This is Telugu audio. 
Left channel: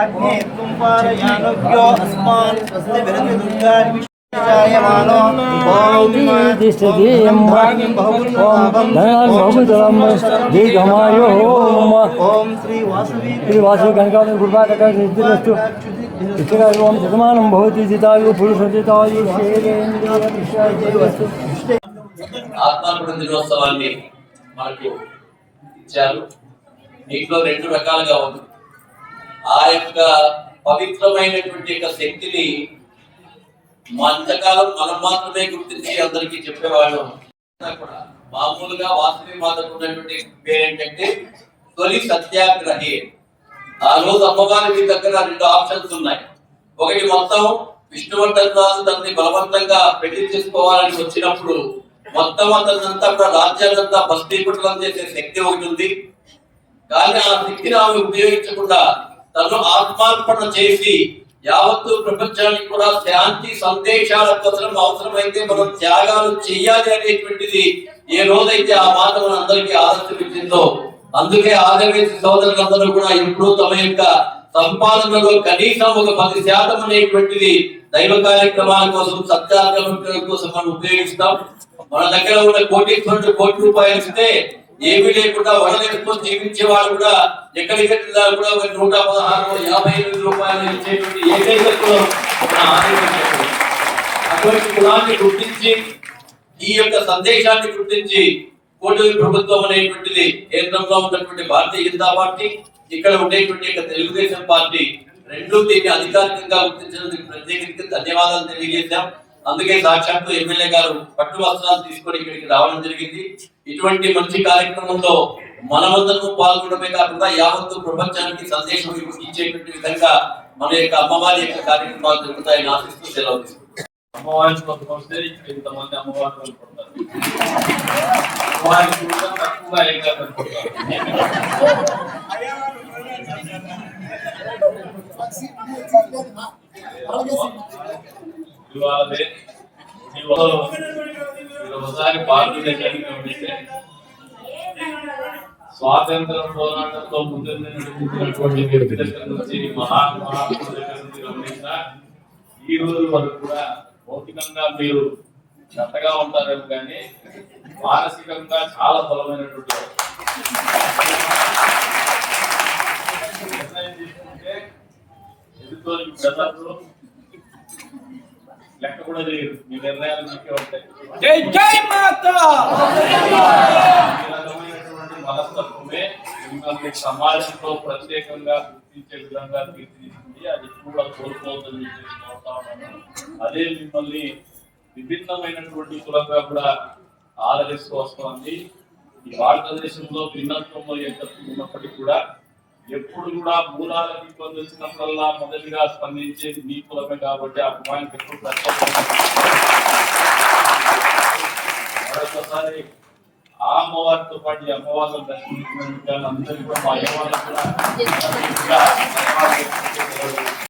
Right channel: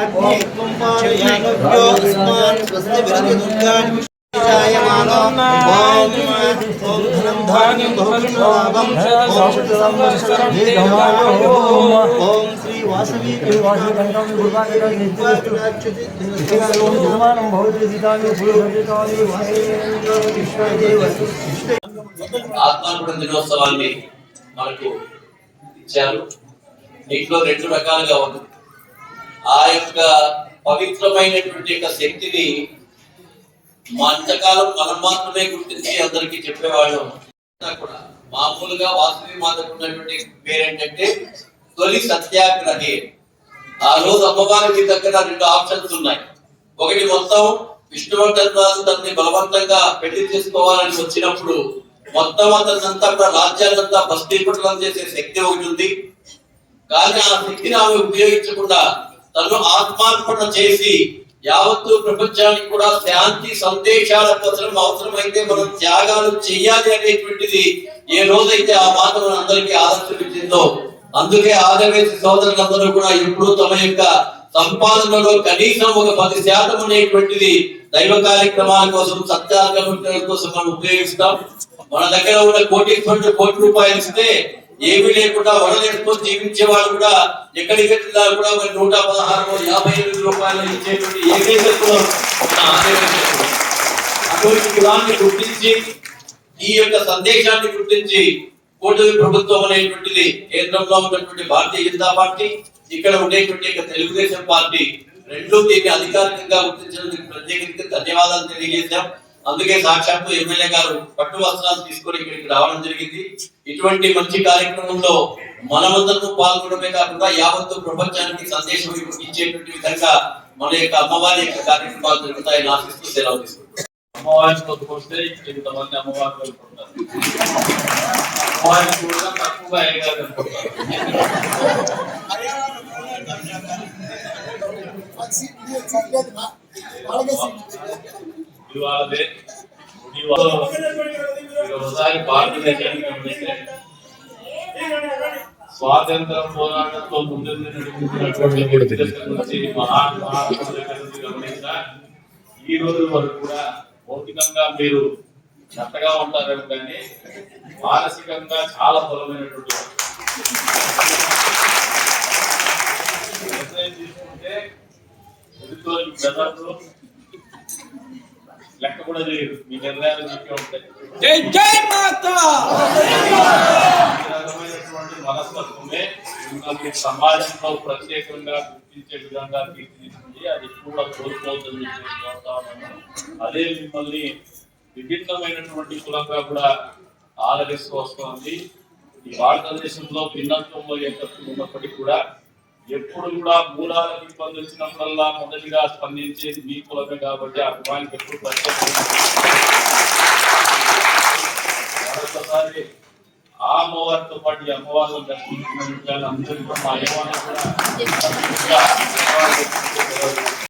అగ్ని కుంపారయానవ్యో అస్మాన్ స్వస్తి విరతి దుర్గాణి విష్ణాయమానో ఓం ఓం భాగం భవం ఓం శ్రీ వాసవి ఆత్మార్పణ దినోత్సవాన్ని మనకు ఇచ్చారు. దీంట్లో రెండు రకాలుగా ఉంది ఆ యొక్క పవిత్రమైనటువంటి యొక్క శక్తిని అంతకాలం మనం మాత్రమే గుర్తించి అందరికీ చెప్పేవాళ్ళం. అంతా కూడా మామూలుగా వాసవి మాతకు ఉన్నటువంటి పేరేంటంటే తొలి సత్యాగ్రహి. ఆ రోజు అమ్మవారి మీ దగ్గర రెండు ఆప్షన్స్ ఉన్నాయి. ఒకటి మొత్తం విష్ణువర్ధన్ రాజు తనని బలవంతంగా పెళ్ళి చేసుకోవాలని వచ్చినప్పుడు మొత్తం అతనంతా కూడా రాజ్యాలంతా భస్మీపటలం చేసే శక్తి ఒకటి ఉంది. కానీ ఆ శక్తిని ఆమె ఉపయోగించకుండా తను ఆత్మార్పణ చేసి యావత్తు ప్రపంచానికి కూడా శాంతి సందేశాల కోసం అవసరమైతే మనం త్యాగాలు చేయాలి అనేటువంటిది ఏ రోజైతే ఆ మాట మన అందరికీ ఆదర్శించిందో అందుకే ఆదర్వేసి సోదరులందరూ కూడా ఎప్పుడూ తమ యొక్క సంపాదనలో కనీసం ఒక పది శాతం అనేటువంటిది దైవ కార్యక్రమాల కోసం సత్యాగ్రహం కోసం మనం ఉపయోగిస్తాం. మన దగ్గర ఉన్న కోటి కోటి కోటి రూపాయలు ఇస్తే ఏమీ లేకుండా వడలేసుకొని జీవించే వాళ్ళు కూడా ఎక్కడికి వెళ్ళినా కూడా ఒక నూట పదహారు యాభై ఎనిమిది రూపాయలు ఇచ్చేటువంటి ఏకైక కులం అటువంటి కులాన్ని గుర్తించి ఈ యొక్క సందేశాన్ని గుర్తించి కూటమి ప్రభుత్వం అనేటువంటిది కేంద్రంలో ఉన్నటువంటి భారతీయ జనతా పార్టీ ఇక్కడ ఉండేటువంటి తెలుగుదేశం పార్టీ రెండు దీన్ని అధికారికంగా గుర్తించినందుకు ప్రత్యేకంగా ధన్యవాదాలు తెలియజేశాం. అందుకే సాక్షాత్తు ఎమ్మెల్యే గారు పట్టు వస్త్రాలు తీసుకొని ఇక్కడికి రావడం జరిగింది. ఇటువంటి మంచి కార్యక్రమంలో మనమందరం పాల్గొనడమే కాకుండా యావత్తు ప్రపంచానికి సందేశం ఇచ్చేటువంటి విధంగా మన యొక్క అమ్మవారి యొక్క కార్యక్రమాలు జరుగుతాయని ఆశిస్తూ సెలవు తీసుకుంటాం అమ్మవారిని కొట్టుకొస్తే ఇంతమంది అమ్మవారు కోరుకుంటారు అమ్మవారిని కూడా తక్కువగా ఏగా కనుకుంటారు ఇవాళే ఇవాళ ఒకసారి భారతదేశాన్ని గమనిస్తే స్వాతంత్ర పోరాటంలో ముందు నడిపించినటువంటి వ్యక్తుల నుంచి మహాత్మా గాంధీ దగ్గర నుంచి గమనించినా ఈ రోజు వరకు కూడా భౌతికంగా మీరు చెత్తగా ఉంటారేమో కానీ మానసికంగా చాలా బలమైనటువంటి. నిర్ణయం తీసుకుంటే ఎదుర్కొని బెదర్లు లెక్క కూడా చేయరు మీ నిర్ణయాలు మీకే ఉంటాయి. జై మాతా! మనస్తత్వమే మిమ్మల్ని సమాజంలో ప్రత్యేకంగా గుర్తించే విధంగా తీర్చిదిద్దింది. అది కూడా కోల్పోతుంది. అదే మిమ్మల్ని విభిన్నమైనటువంటి కులంగా కూడా ఆదరిస్తూ వస్తుంది. ఈ భారతదేశంలో భిన్నత్వంలో ఏకత్వం ఉన్నప్పటికీ కూడా ఎప్పుడు కూడా మూలాలకు ఇబ్బంది వచ్చినప్పుడల్లా మొదటిగా స్పందించేది మీ కులమే కాబట్టి ఆ కులానికి ఎప్పుడు మరొకసారి ఆ అమ్మవారితో పాటు ఈ అమ్మవారిని దర్శించినందుకు అందరికీ కూడా